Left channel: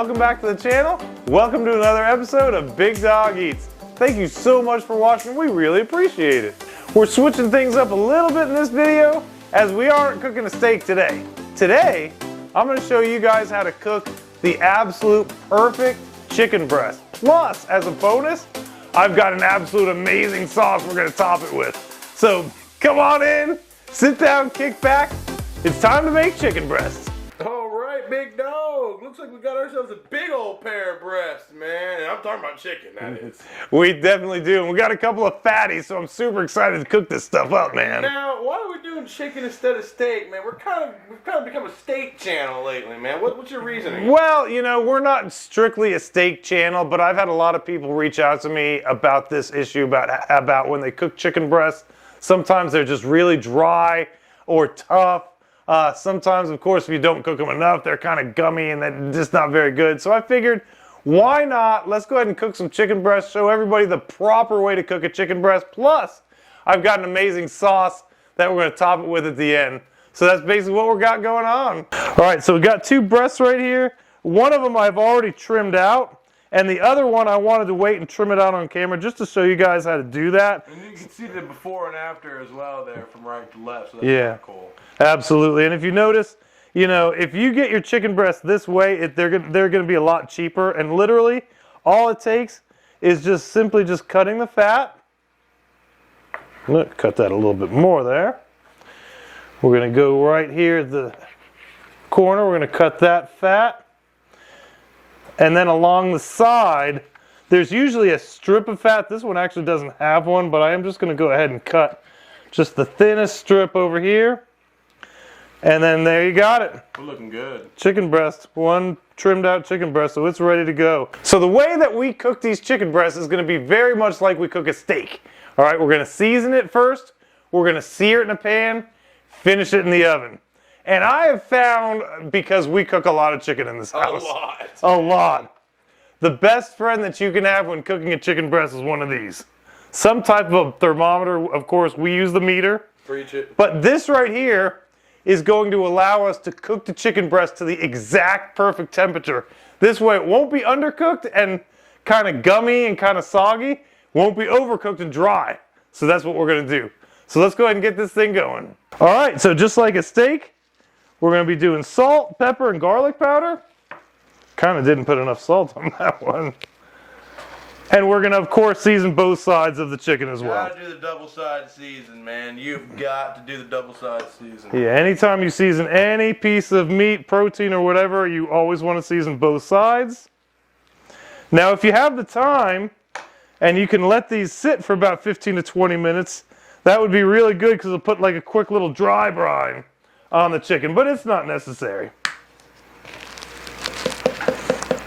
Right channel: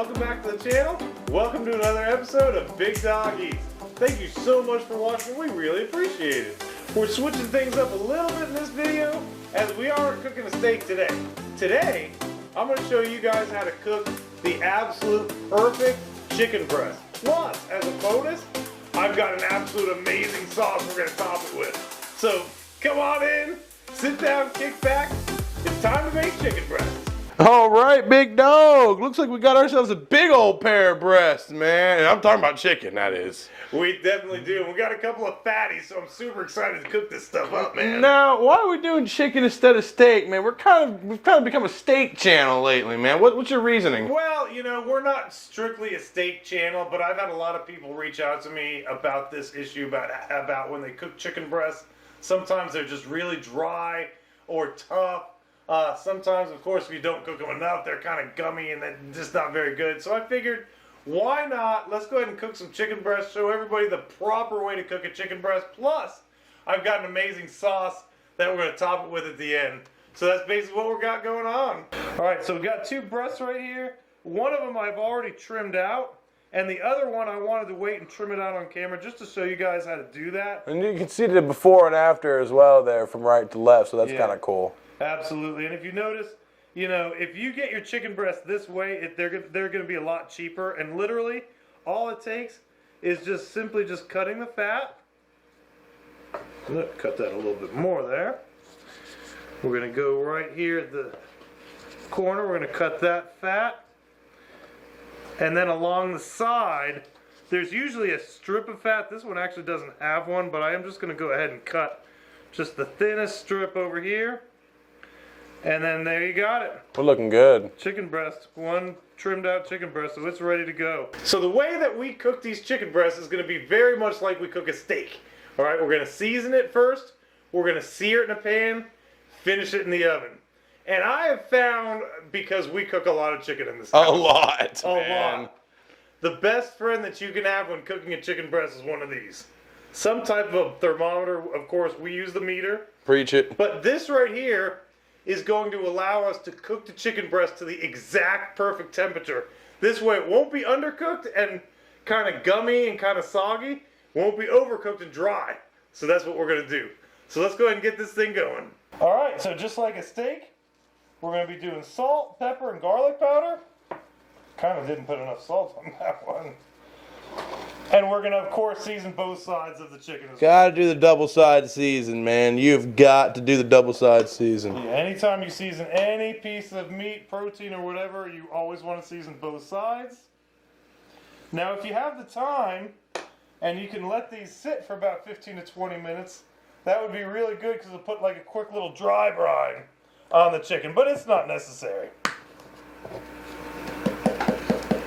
Welcome back to the channel. Welcome to another episode of Big Dog Eats. Thank you so much for watching. We really appreciate it. We're switching things up a little bit in this video as we aren't cooking a steak today. Today, I'm going to show you guys how to cook the absolute perfect chicken breast. Plus, as a bonus, I've got an absolute amazing sauce we're going to top it with. So come on in, sit down, kick back. It's time to make chicken breasts. All right, big dog. Looks like we got ourselves a big old pair of breasts, man. And I'm talking about chicken, that is. We definitely do. We got a couple of fatties, so I'm super excited to cook this stuff up, man. Now, why are we doing chicken instead of steak, man? We've kind of become a steak channel lately, man. What's your reasoning? Well, you know, we're not strictly a steak channel, but I've had a lot of people reach out to me about this issue, about when they cook chicken breasts. Sometimes they're just really dry or tough. Sometimes, of course, if you don't cook them enough, they're kind of gummy and they're just not very good. So I figured, why not? Let's go ahead and cook some chicken breasts, show everybody the proper way to cook a chicken breast. Plus, I've got an amazing sauce that we're going to top it with at the end. So that's basically what we got going on. All right, so we got two breasts right here. One of them I've already trimmed out. And the other one, I wanted to wait and trim it out on camera just to show you guys how to do that. And you can see the before and after as well there from right to left, so that's kind of cool. Absolutely. And if you notice, you know, if you get your chicken breast this way, they're going to be a lot cheaper. And literally, all it takes is just simply just cutting the fat. Look, cut that a little bit more there. We're going to go right here at the corner. We're going to cut that fat. And then along the side, there's usually a strip of fat. This one actually doesn't have one, but I am just going to go ahead and cut just the thinnest strip over here. And then there you got it. We're looking good. Chicken breast, one trimmed out chicken breast, so it's ready to go. So the way that we cook these chicken breasts is going to be very much like we cook a steak. All right, we're going to season it first. We're going to sear it in a pan, finish it in the oven. And I have found, because we cook a lot of chicken in this house. A lot. The best friend that you can have when cooking a chicken breast is one of these. Some type of a thermometer. Of course, we use the meter. Preach it. But this right here is going to allow us to cook the chicken breast to the exact perfect temperature. This way it won't be undercooked and kind of gummy and kind of soggy. Won't be overcooked and dry. So that's what we're going to do. So let's go ahead and get this thing going. All right, so just like a steak, we're going to be doing salt, pepper, and garlic powder. Kind of didn't put enough salt on that one. And we're going to, of course, season both sides of the chicken as well. Gotta do the double side season, man. You've got to do the double side season. Yeah, anytime you season any piece of meat, protein, or whatever, you always want to season both sides. Now, if you have the time, and you can let these sit for about 15 to 20 minutes, that would be really good because it'll put like a quick little dry brine on the chicken, but it's not necessary.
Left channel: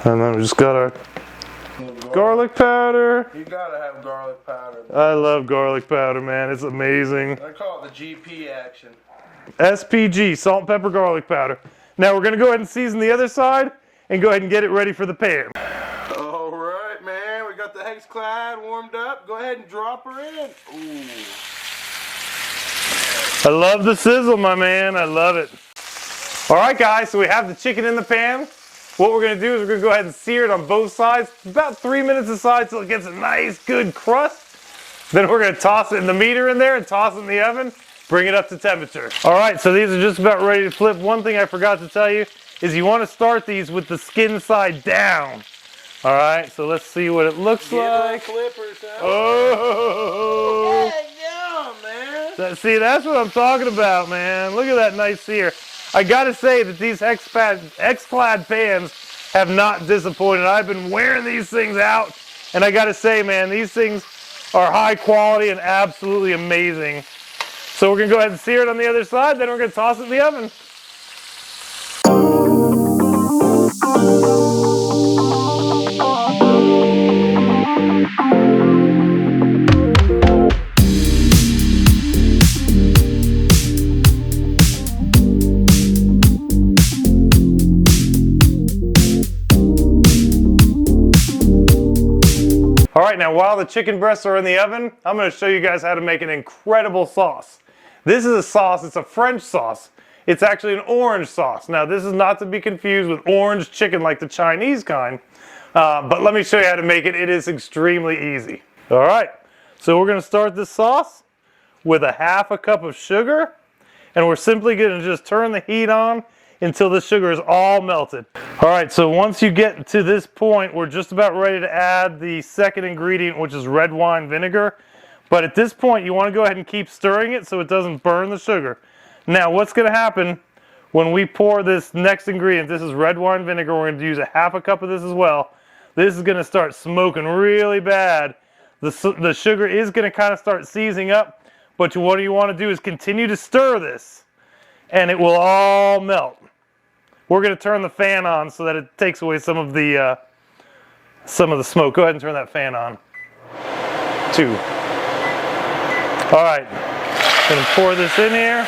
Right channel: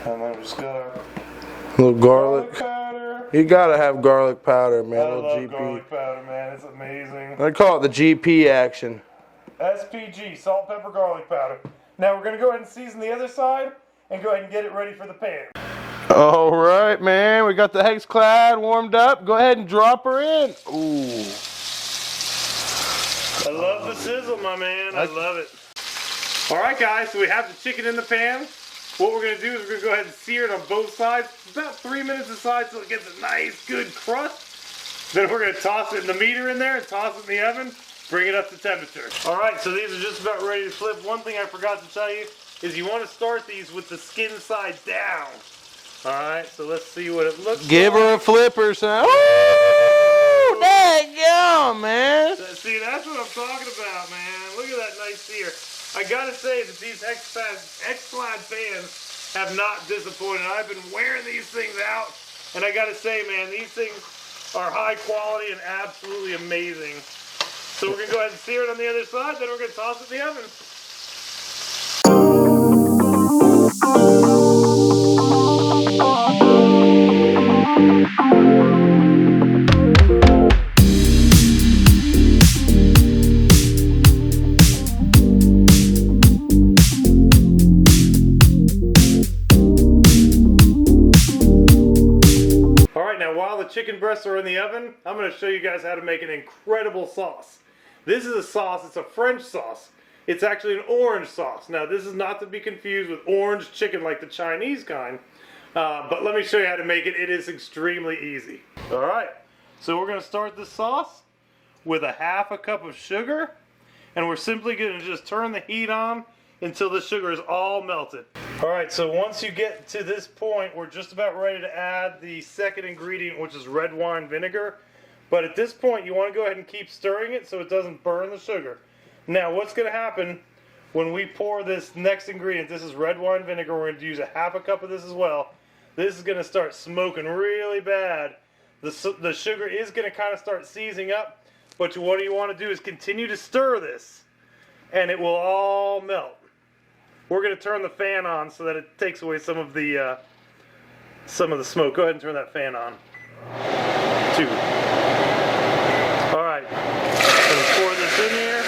And then we just got our little garlic powder. You gotta have garlic powder, man. I love garlic powder, man. It's amazing. I call it the GP action. SPG, salt and pepper garlic powder. Now we're gonna go ahead and season the other side and go ahead and get it ready for the pan. All right, man. We got the hex clad warmed up. Go ahead and drop her in. Ooh. I love the sizzle, my man. I love it. All right, guys, so we have the chicken in the pan. What we're going to do is we're going to go ahead and sear it on both sides. About 3 minutes aside till it gets a nice, good crust. Then we're going to toss it in the meter in there and toss it in the oven. Bring it up to temperature. All right, so these are just about ready to flip. One thing I forgot to tell you is you want to start these with the skin side down. All right, so let's see what it looks like. Give her a flipper, son. Oh, there you go, man. See, that's what I'm talking about, man. Look at that nice sear. I gotta say that these X-Clad pans have not disappointed. I've been wearing these things out, and I gotta say, man, these things are high quality and absolutely amazing. So we're gonna go ahead and sear it on the other side, then we're gonna toss it in the oven. Now, while the chicken breasts are in the oven, I'm going to show you guys how to make an incredible sauce. This is a sauce, it's a French sauce. It's actually an orange sauce. Now, this is not to be confused with orange chicken like the Chinese kind, but let me show you how to make it. It is extremely easy. All right, so we're gonna start this sauce with a 1/2 cup of sugar, and we're simply gonna just turn the heat on until the sugar is all melted. All right, so once you get to this point, we're just about ready to add the second ingredient, which is red wine vinegar. But at this point, you wanna go ahead and keep stirring it so it doesn't burn the sugar. Now, what's going to happen when we pour this next ingredient? This is red wine vinegar. We're going to use a 1/2 cup of this as well. This is going to start smoking really bad. The sugar is going to kind of start seizing up, but what you want to do is continue to stir this, and it will all melt. We're going to turn the fan on so that it takes away some of the smoke. Go ahead and turn that fan on. 2. All right, and pour this in here.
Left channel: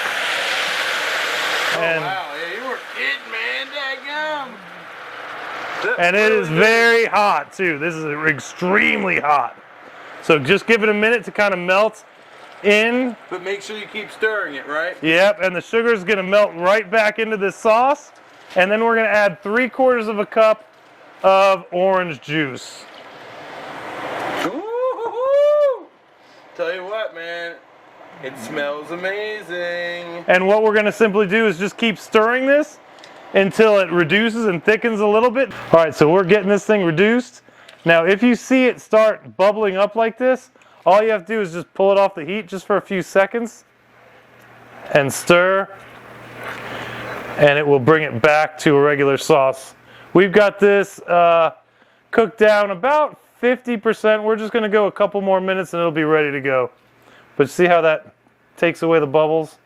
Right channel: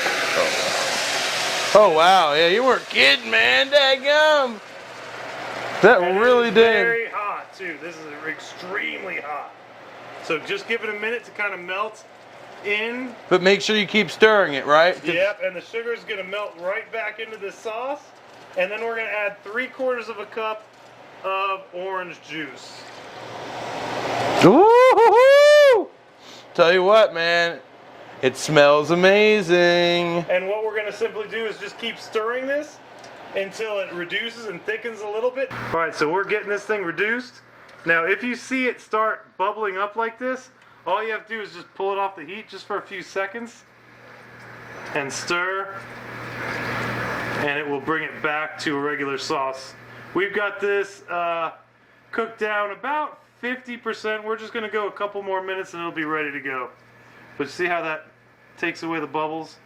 Oh, wow. Yeah, you weren't kidding, man. Dadgum. And it is very hot, too. This is extremely hot. So just give it a minute to kind of melt in. But make sure you keep stirring it, right? Yep, and the sugar is going to melt right back into this sauce. And then we're going to add 3/4 of a cup of orange juice. Ooh! Tell you what, man. It smells amazing. And what we're going to simply do is just keep stirring this until it reduces and thickens a little bit. All right, so we're getting this thing reduced. Now, if you see it start bubbling up like this, all you have to do is just pull it off the heat just for a few seconds and stir, and it will bring it back to a regular sauce. We've got this cooked down about 50%. We're just going to go a couple more minutes and it'll be ready to go. But see how that takes away the bubbles?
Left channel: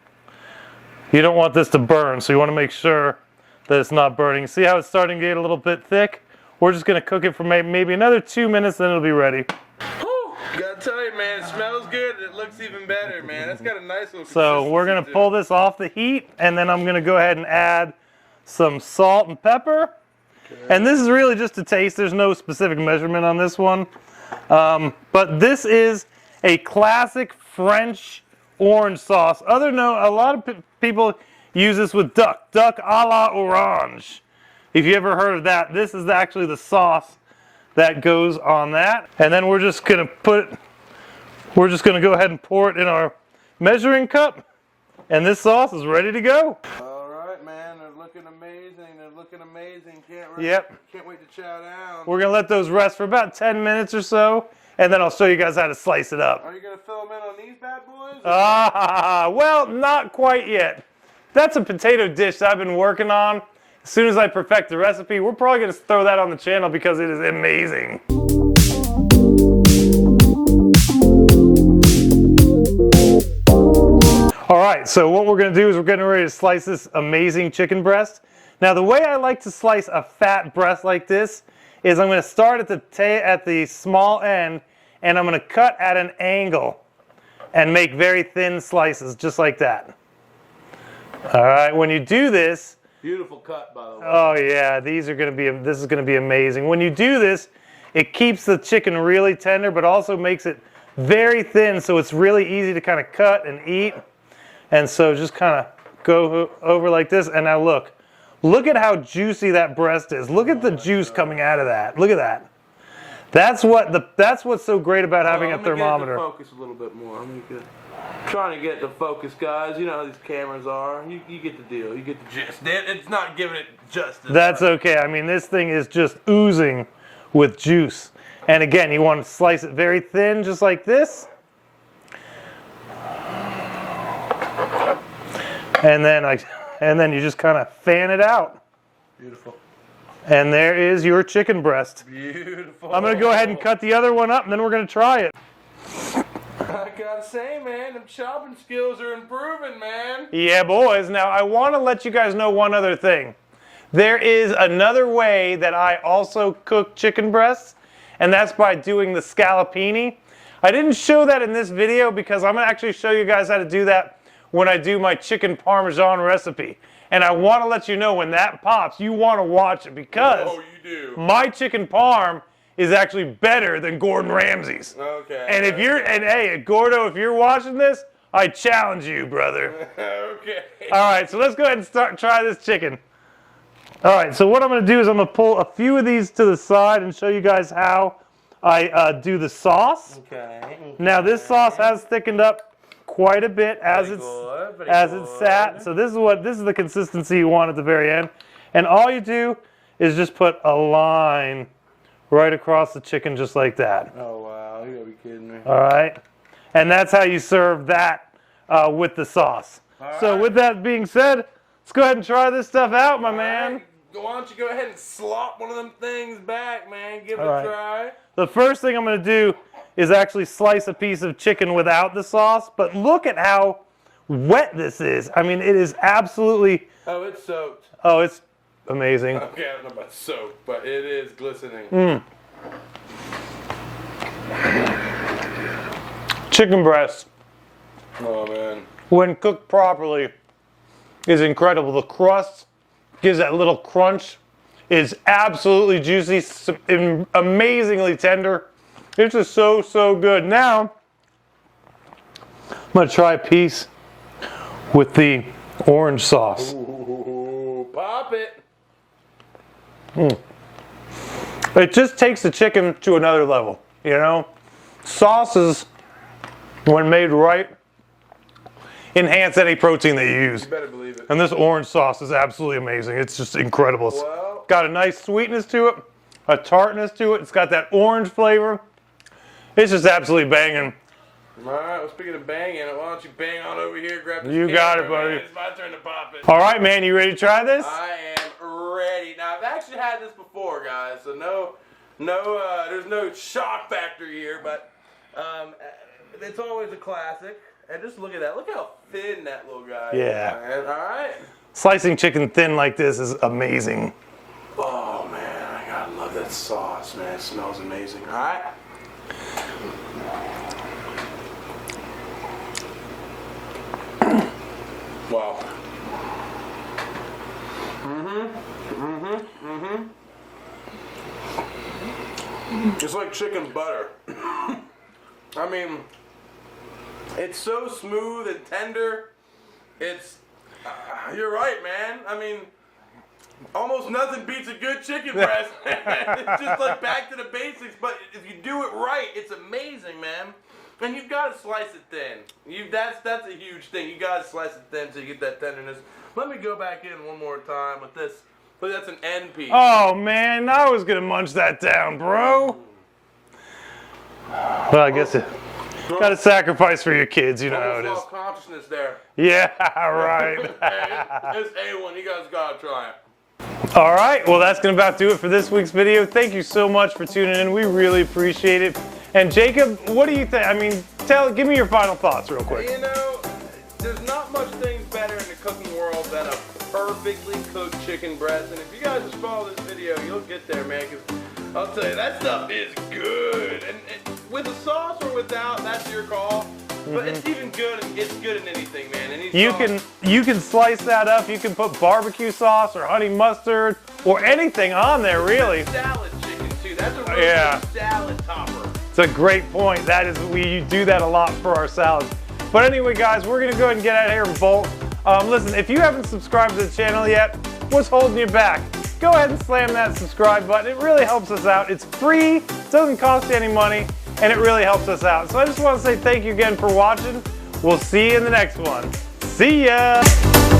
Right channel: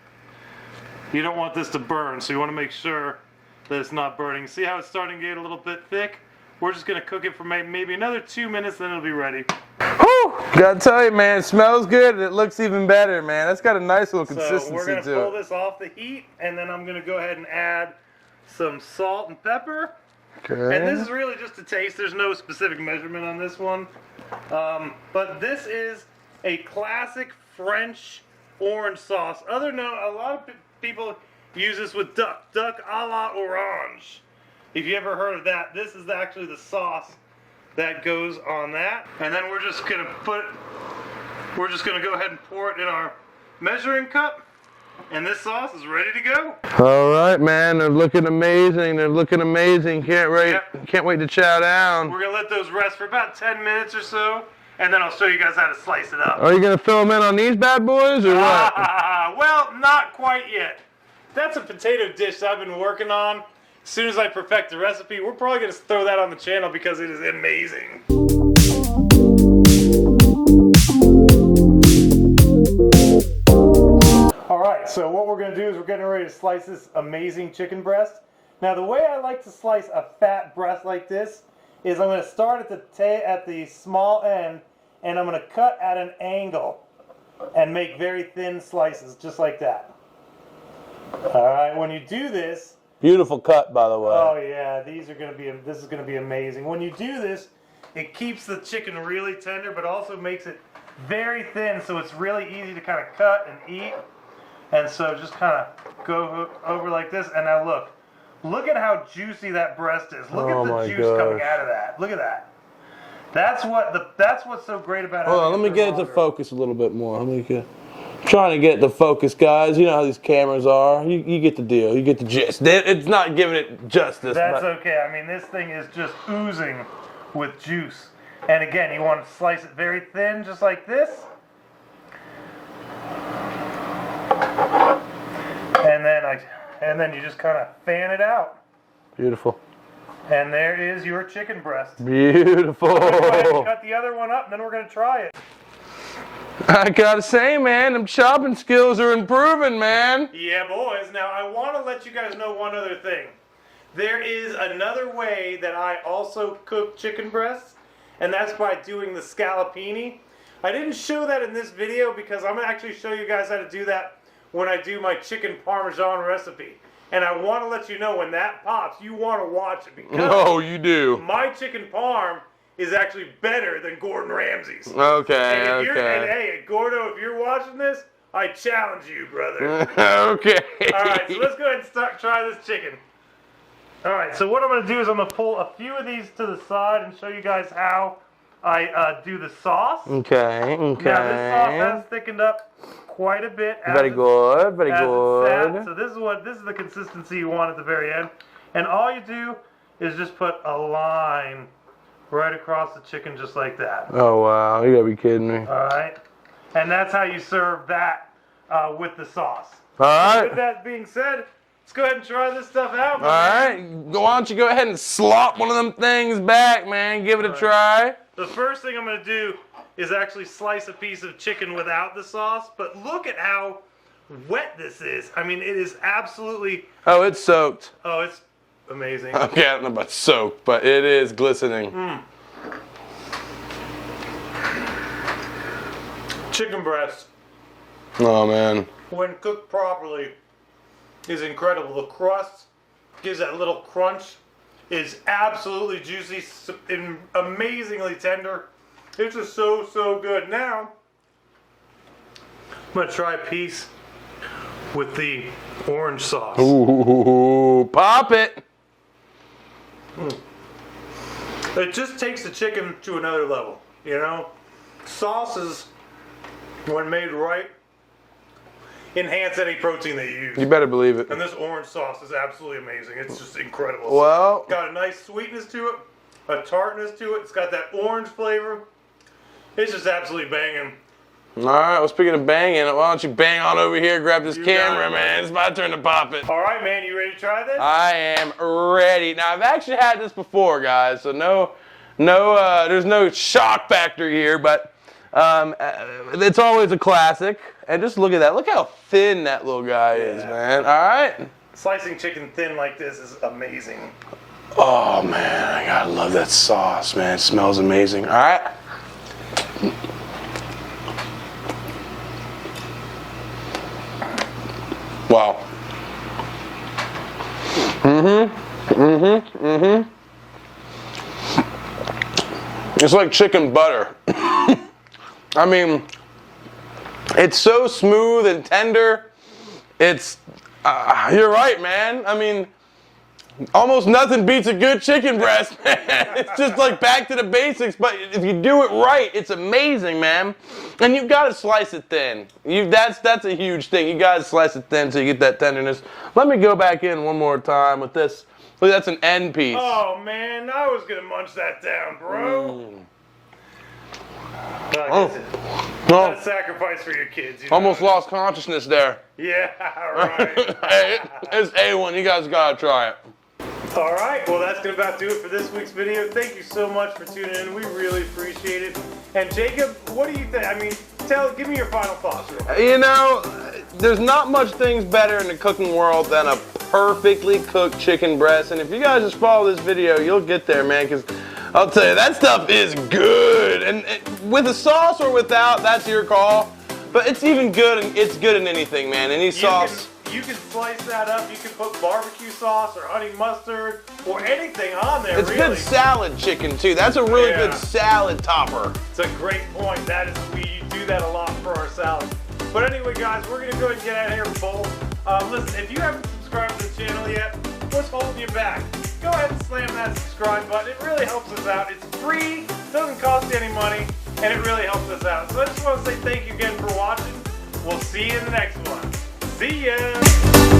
You don't want this to burn, so you want to make sure that it's not burning. See how it's starting to get a little bit thick? We're just going to cook it for maybe another 2 minutes, then it'll be ready. Whew! Gotta tell you, man, it smells good and it looks even better, man. That's got a nice little consistency. So we're going to pull this off the heat, and then I'm going to go ahead and add some salt and pepper. Okay. And this is really just a taste. There's no specific measurement on this one. But this is a classic French orange sauce. A lot of people use this with duck a la orange. If you ever heard of that, this is actually the sauce that goes on that. And then we're just gonna go ahead and pour it in our measuring cup, and this sauce is ready to go. All right, man, they're looking amazing. Can't wait to chow down. We're gonna let those rest for about 10 minutes or so, and then I'll show you guys how to slice it up. Are you gonna fill them in on these bad boys, or what? Well, not quite yet. That's a potato dish that I've been working on. As soon as I perfect the recipe, we're probably gonna throw that on the channel because it is amazing. All right, so what we're gonna do is we're getting ready to slice this amazing chicken breast. Now, the way I like to slice a fat breast like this is I'm gonna start at the small end, and I'm gonna cut at an angle and make very thin slices, just like that. All right, when you do this, Beautiful cut, by the way. oh yeah, this is gonna be amazing. When you do this, it keeps the chicken really tender, but also makes it very thin, so it's really easy to kind of cut and eat. And so just kind of go over like this, and now look at how juicy that breast is. Look at the juice coming out of that. Look at that. That's what's so great about having a thermometer. Let me get it to focus a little bit more. Trying to get the focus, guys. You know how these cameras are. You get the deal. You get the gist. It's not giving it justice. That's okay. I mean, this thing is just oozing with juice. And again, you want to slice it very thin, just like this. And then you just kind of fan it out. Beautiful. And there is your chicken breast. Beautiful. I'm going to go ahead and cut the other one up, and then we're going to try it. I gotta say, man, them chopping skills are improving, man. Yeah, boys. Now, I want to let you guys know one other thing. There is another way that I also cook chicken breasts, and that's by doing the scallopini. I didn't show that in this video because I'm going to actually show you guys how to do that when I do my chicken parmesan recipe. And I want to let you know when that pops, you want to watch it because you do. My chicken parm is actually better than Gordon Ramsay's. Okay. And hey, Gordo, if you're watching this, I challenge you, brother. Okay. All right, so let's go ahead and try this chicken. All right, so what I'm going to do is I'm going to pull a few of these to the side and show you guys how I do the sauce. Okay. Now this sauce has thickened up quite a bit as Very good. it's sat. So this is the consistency you want at the very end. And all you do is just put a line right across the chicken just like that. Oh wow, you gotta be kidding me. All right, and that's how you serve that with the sauce. All So right. with that being said, let's go ahead and try this stuff out, my man. Alright, why don't you go ahead and slop one of them things back, man. Give it a try. The first thing I'm going to do is actually slice a piece of chicken without the sauce, but look at how wet this is. I mean, it is absolutely, Oh, it's soaked. oh, it's amazing. Okay, I don't know about soaked, but it is glistening. Chicken breast, Oh man. when cooked properly, is incredible. The crust gives that little crunch, is absolutely juicy, amazingly tender. It's just so, so good. Now, I'm going to try a piece with the orange sauce. Ooh, pop it. It just takes the chicken to another level, you know? Sauces, when made right, enhance any protein that you use. You better believe it. And this orange sauce is absolutely amazing. It's just incredible. Well, Got a nice sweetness to it, a tartness to it. It's got that orange flavor. It's just absolutely banging. all right. Well, speaking of banging, why don't you bang on over here, grab this You got camera, it, man. buddy. It's my turn to pop it. All right, man, you ready to try this? I am ready. Now, I've actually had this before, guys, so there's no shock factor here, but it's always a classic. And just look at that. Look how thin that little guy is, Yeah. man. All right. Slicing chicken thin like this is amazing. Oh, man, I gotta love that sauce, man. It smells amazing. All right. Wow. It's like chicken butter. I mean, it's so smooth and tender. It's, you're right, man. I mean, almost nothing beats a good chicken breast, man. It's just like back to the basics, but if you do it right, it's amazing, man. And you've got to slice it thin. That's a huge thing. You got to slice it thin so you get that tenderness. Let me go back in one more time with this. Look, that's an end piece. Oh, man, I was going to munch that down, bro. Well, I guess got to sacrifice for your kids. You know Almost how it is. lost consciousness there. Yeah, right. Hey, it's A1. You guys got to try it. All right, well, that's going to about do it for this week's video. Thank you so much for tuning in. We really appreciate it. And Jacob, what do you think? I mean, give me your final thoughts real quick. You know, there's not much things better in the cooking world than a perfectly cooked chicken breast. And if you guys just follow this video, you'll get there, man, because I'll tell you, that stuff is good. And with a sauce or without, that's your call. But it's even good, and it's good in anything, man. Any sauce. You can slice that up. You can put barbecue sauce or honey mustard or anything on there, It's really. good salad chicken, too. That's a really good salad topper. It's a great point. We do that a lot for our salads. But anyway, guys, we're going to go ahead and get out of here and bolt. Listen, if you haven't subscribed to the channel yet, what's holding you back? Go ahead and slam that subscribe button. It really helps us out. It's free, it doesn't cost you any money, and it really helps us out. So I just want to say thank you again for watching. We'll see you in the next one. See ya!